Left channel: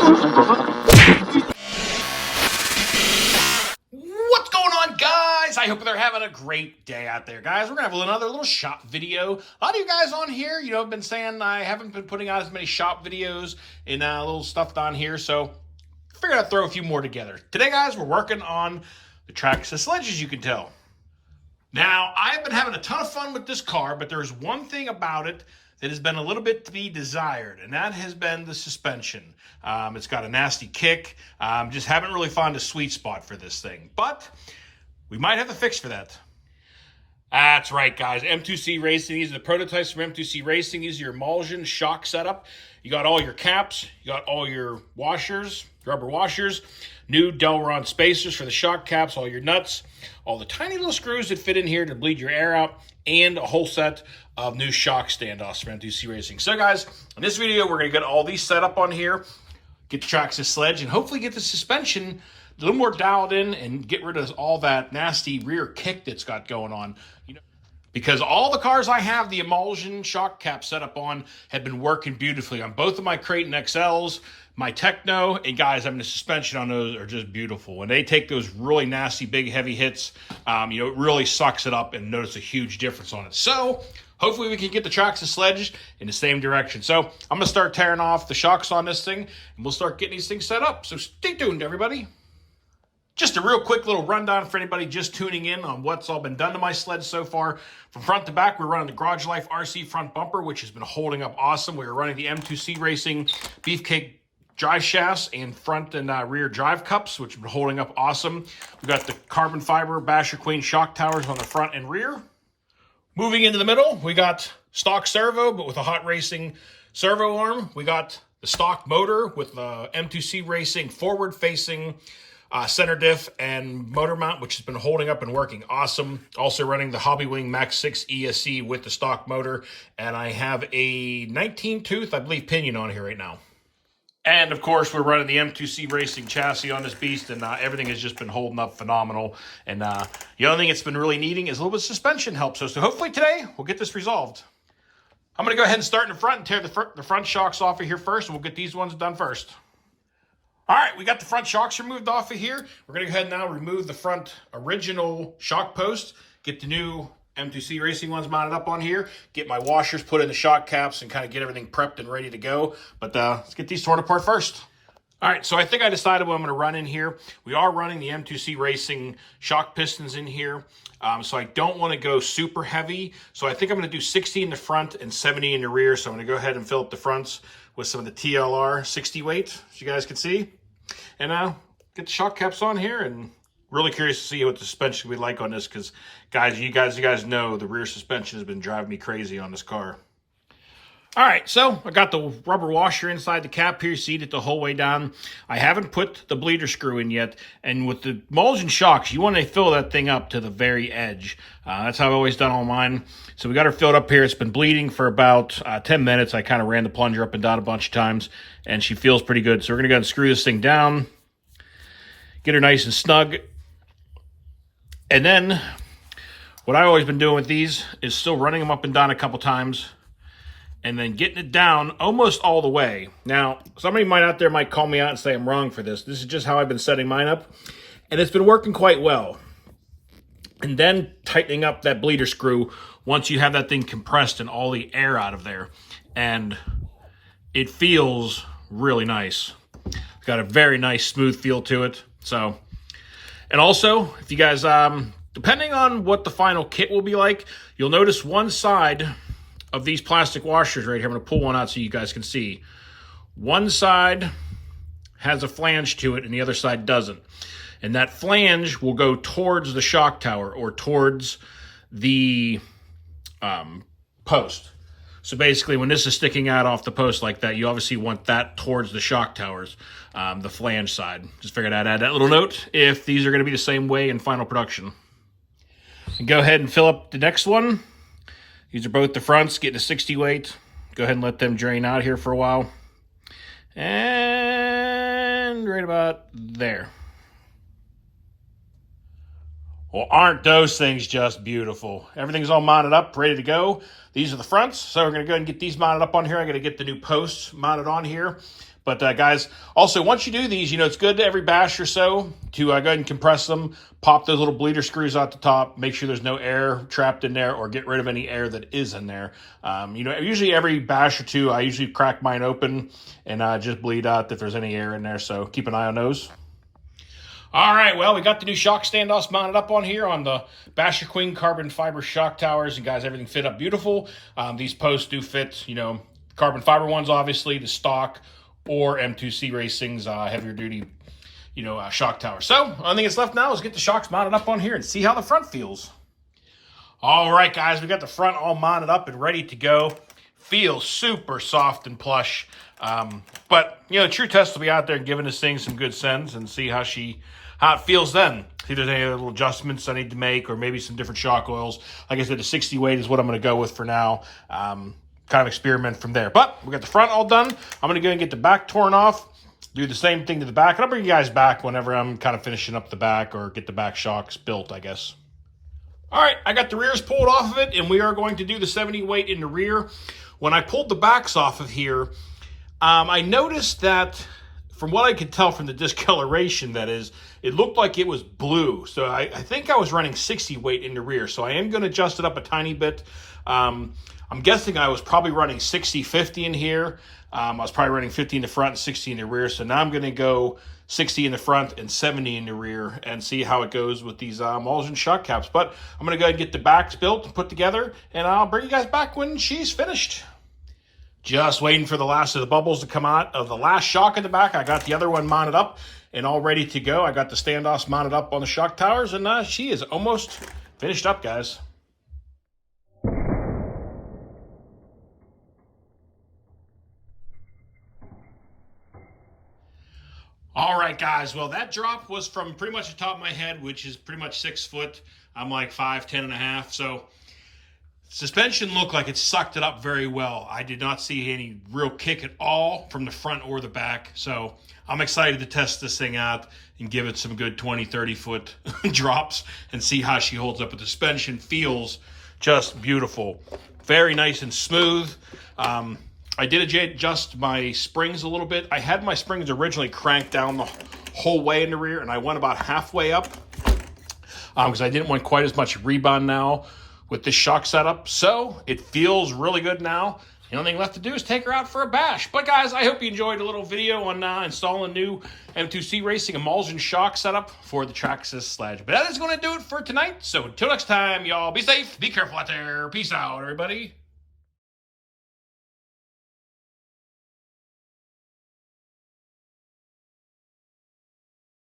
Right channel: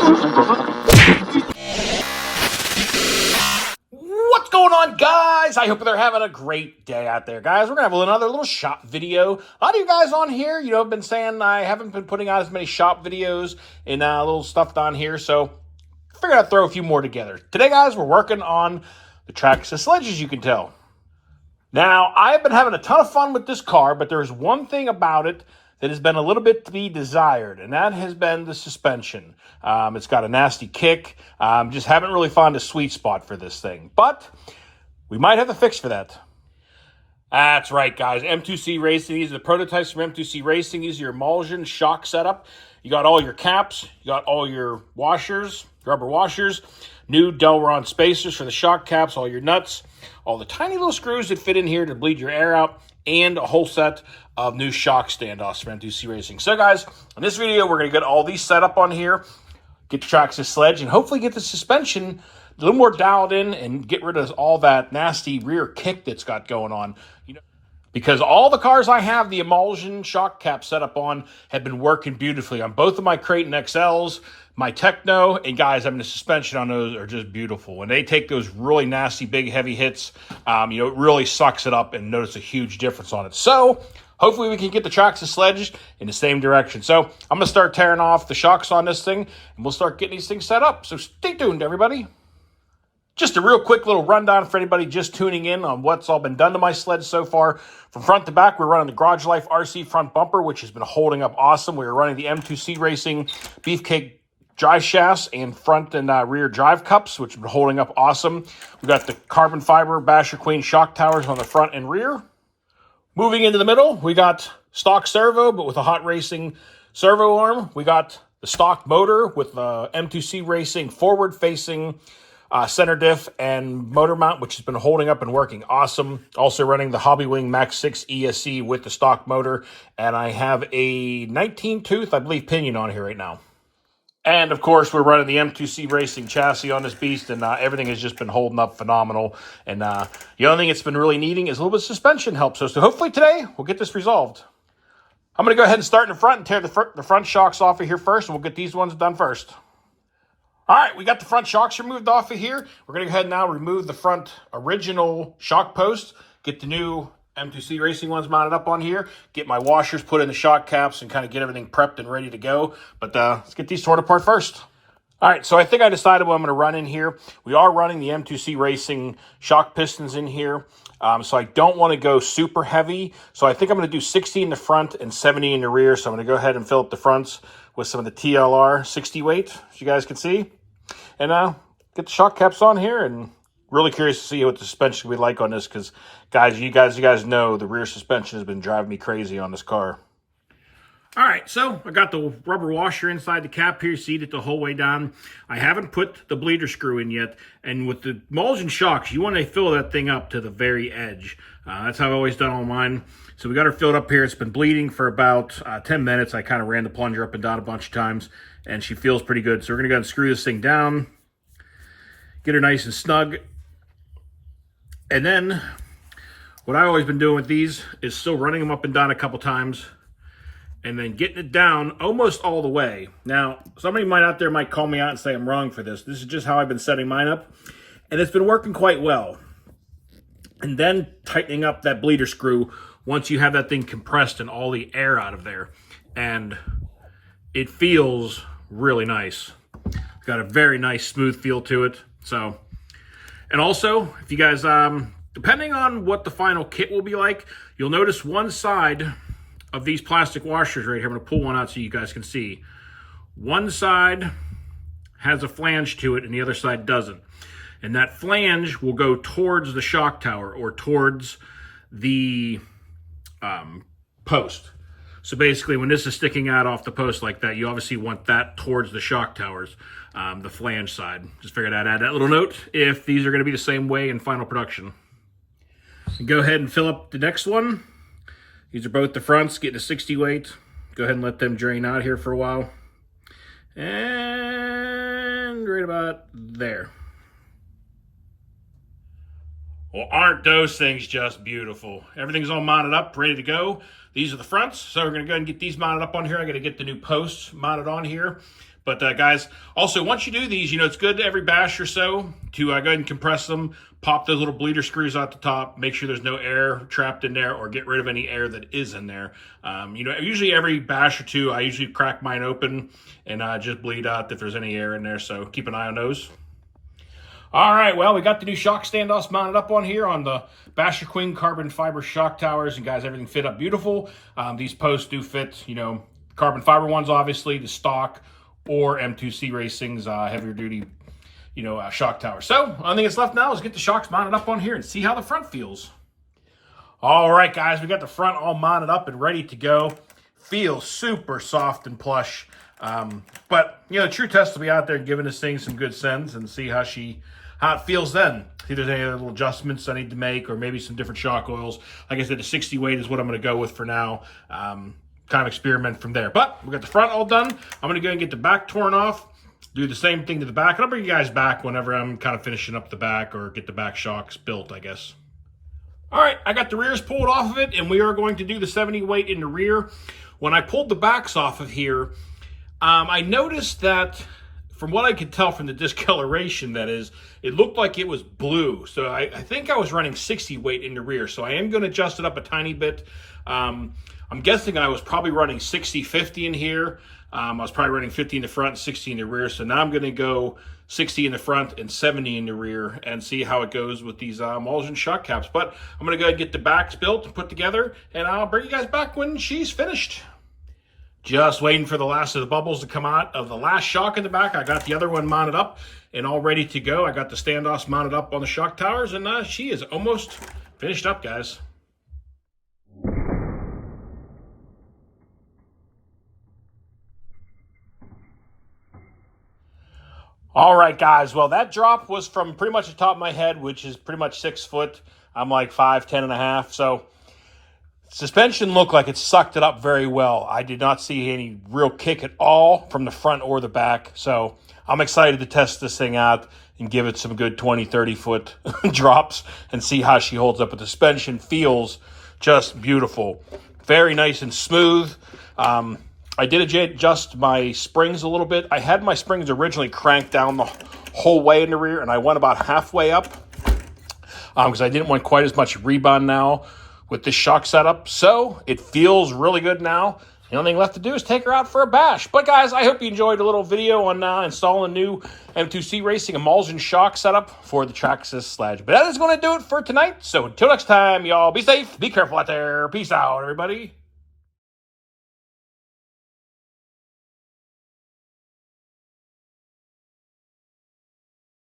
What's going on, guys? I hope they're having a great day out there, guys. We're going to have another little shop video. A lot of you guys on here, have been saying I haven't been putting out as many shop videos and little stuff down here, so I figured I'd throw a few more together. Today, guys, we're working on the Traxxas Sledge, as you can tell. Now, I've been having a ton of fun with this car, but there's one thing about it that has been a little bit to be desired, and that has been the suspension. It's got a nasty kick. Just haven't really found a sweet spot for this thing, but we might have a fix for that. That's right, guys. M2C Racing. These are the prototypes from M2C Racing. These are your emulsion shock setup. You got all your caps. You got all your washers, rubber washers, new Delron spacers for the shock caps, all your nuts, all the tiny little screws that fit in here to bleed your air out, and a whole set of new shock standoffs from M2C Racing. So, guys, in this video, we're going to get all these set up on here, get the Traxxas Sledge, and hopefully get the suspension a little more dialed in and get rid of all that nasty rear kick that's got going on. Because all the cars I have the emulsion shock cap set up on have been working beautifully on both of my Creighton XLs, my Techno, and guys, the suspension on those are just beautiful. When they take those really nasty, big, heavy hits, it really sucks it up and notice a huge difference on it. So, hopefully we can get the Traxxas Sledge in the same direction. So, I'm going to start tearing off the shocks on this thing, and we'll start getting these things set up. So, stay tuned, everybody. Just a real quick little rundown for anybody just tuning in on what's all been done to my sled so far. From front to back, we're running the Garage Life RC front bumper, which has been holding up awesome. We're running the M2C Racing Beefcake drive shafts and front and rear drive cups, which have been holding up awesome. We got the carbon fiber Basher Queen shock towers on the front and rear. Moving into the middle, we got stock servo, but with a hot racing servo arm. We got the stock motor with the M2C Racing forward-facing center diff and motor mount, which has been holding up and working awesome. Also running the Hobbywing Max 6 ESC with the stock motor, and I have a 19-tooth, I believe, pinion on here right now. And, of course, we're running the M2C Racing chassis on this beast, and everything has just been holding up phenomenal. And the only thing it's been really needing is a little bit of suspension help. So hopefully today we'll get this resolved. I'm going to go ahead and start in the front and tear the front shocks off of here first, and we'll get these ones done first. All right, we got the front shocks removed off of here. We're going to go ahead and now remove the front original shock post, get the new M2C Racing ones mounted up on here, get my washers put in the shock caps, and kind of get everything prepped and ready to go. But let's get these torn apart first. All right, so I think I decided what I'm going to run in here. We are running the M2C Racing shock pistons in here, so I don't want to go super heavy. So I think I'm going to do 60 in the front and 70 in the rear. So I'm going to go ahead and fill up the fronts with some of the TLR 60 weight, as you guys can see. And get the shock caps on here, and really curious to see what the suspension will be like on this, because guys, you guys know the rear suspension has been driving me crazy on this car. All right, so I got the rubber washer inside the cap here, seated it the whole way down. I haven't put the bleeder screw in yet, and with the emulsion shocks, you want to fill that thing up to the very edge. That's how I've always done all mine. So we got her filled up here. It's been bleeding for about 10 minutes. I kind of ran the plunger up and down a bunch of times, and she feels pretty good. So we're going to go ahead and screw this thing down, get her nice and snug. And then what I've always been doing with these is still running them up and down a couple times, and then getting it down almost all the way. Now, somebody out there might call me out and say I'm wrong for this. This is just how I've been setting mine up, and it's been working quite well. And then tightening up that bleeder screw once you have that thing compressed and all the air out of there. And it feels really nice. It's got a very nice smooth feel to it. So, and also, if you guys, depending on what the final kit will be like, you'll notice one side of these plastic washers right here. I'm going to pull one out so you guys can see. One side has a flange to it and the other side doesn't. And that flange will go towards the shock tower or towards the post. So basically, when this is sticking out off the post like that, you obviously want that towards the shock towers, the flange side. Just figured I'd add that little note if these are going to be the same way in final production. And go ahead and fill up the next one. These are both the fronts, getting a 60 weight. Go ahead and let them drain out here for a while. And right about there. Well, aren't those things just beautiful? Everything's all mounted up, ready to go. These are the fronts, so we're going to go ahead and get these mounted up on here. I got to get the new posts mounted on here. But guys, also once you do these, it's good every bash or so to go ahead and compress them, pop those little bleeder screws out the top, make sure there's no air trapped in there or get rid of any air that is in there. Usually every bash or two, I usually crack mine open and just bleed out if there's any air in there. So keep an eye on those. All right, well, we got the new shock standoffs mounted up on here on the Basher Queen carbon fiber shock towers. And guys, everything fit up beautiful. These posts do fit, carbon fiber ones, obviously, the stock, or M2C Racing's heavier duty, shock tower. So, only thing that's left now is get the shocks mounted up on here and see how the front feels. All right, guys, we got the front all mounted up and ready to go. Feels super soft and plush. But, true test will be out there giving this thing some good sends and see how it feels then. See if there's any little adjustments I need to make or maybe some different shock oils. Like I said, the 60 weight is what I'm going to go with for now. Kind of experiment from there. But we got the front all done. I'm going to go and get the back torn off, do the same thing to the back. And I'll bring you guys back whenever I'm kind of finishing up the back or get the back shocks built, I guess. All right, I got the rears pulled off of it, and we are going to do the 70 weight in the rear. When I pulled the backs off of here, I noticed that, from what I could tell from the discoloration, that is, it looked like it was blue. So I think I was running 60 weight in the rear. So I am going to adjust it up a tiny bit. I'm guessing I was probably running 60-50 in here. I was probably running 50 in the front and 60 in the rear. So now I'm going to go 60 in the front and 70 in the rear and see how it goes with these emulsion shock caps. But I'm going to go ahead and get the backs built and put together, and I'll bring you guys back when she's finished. Just waiting for the last of the bubbles to come out of the last shock in the back. I got the other one mounted up and all ready to go. I got the standoffs mounted up on the shock towers, and she is almost finished up, guys. All right, guys. Well, that drop was from pretty much the top of my head, which is pretty much 6 foot. I'm like 5'10" and a half. So suspension looked like it sucked it up very well. I did not see any real kick at all from the front or the back. So I'm excited to test this thing out and give it some good 20, 30 foot drops and see how she holds up. But the suspension feels just beautiful. Very nice and smooth. I did adjust my springs a little bit. I had my springs originally cranked down the whole way in the rear, and I went about halfway up because I didn't want quite as much rebound now with this shock setup. So it feels really good now. The only thing left to do is take her out for a bash. But guys, I hope you enjoyed a little video on installing a new M2C Racing emulsion shock setup for the Traxxas Sledge. But that is going to do it for tonight. So until next time, y'all, be safe, be careful out there. Peace out, everybody.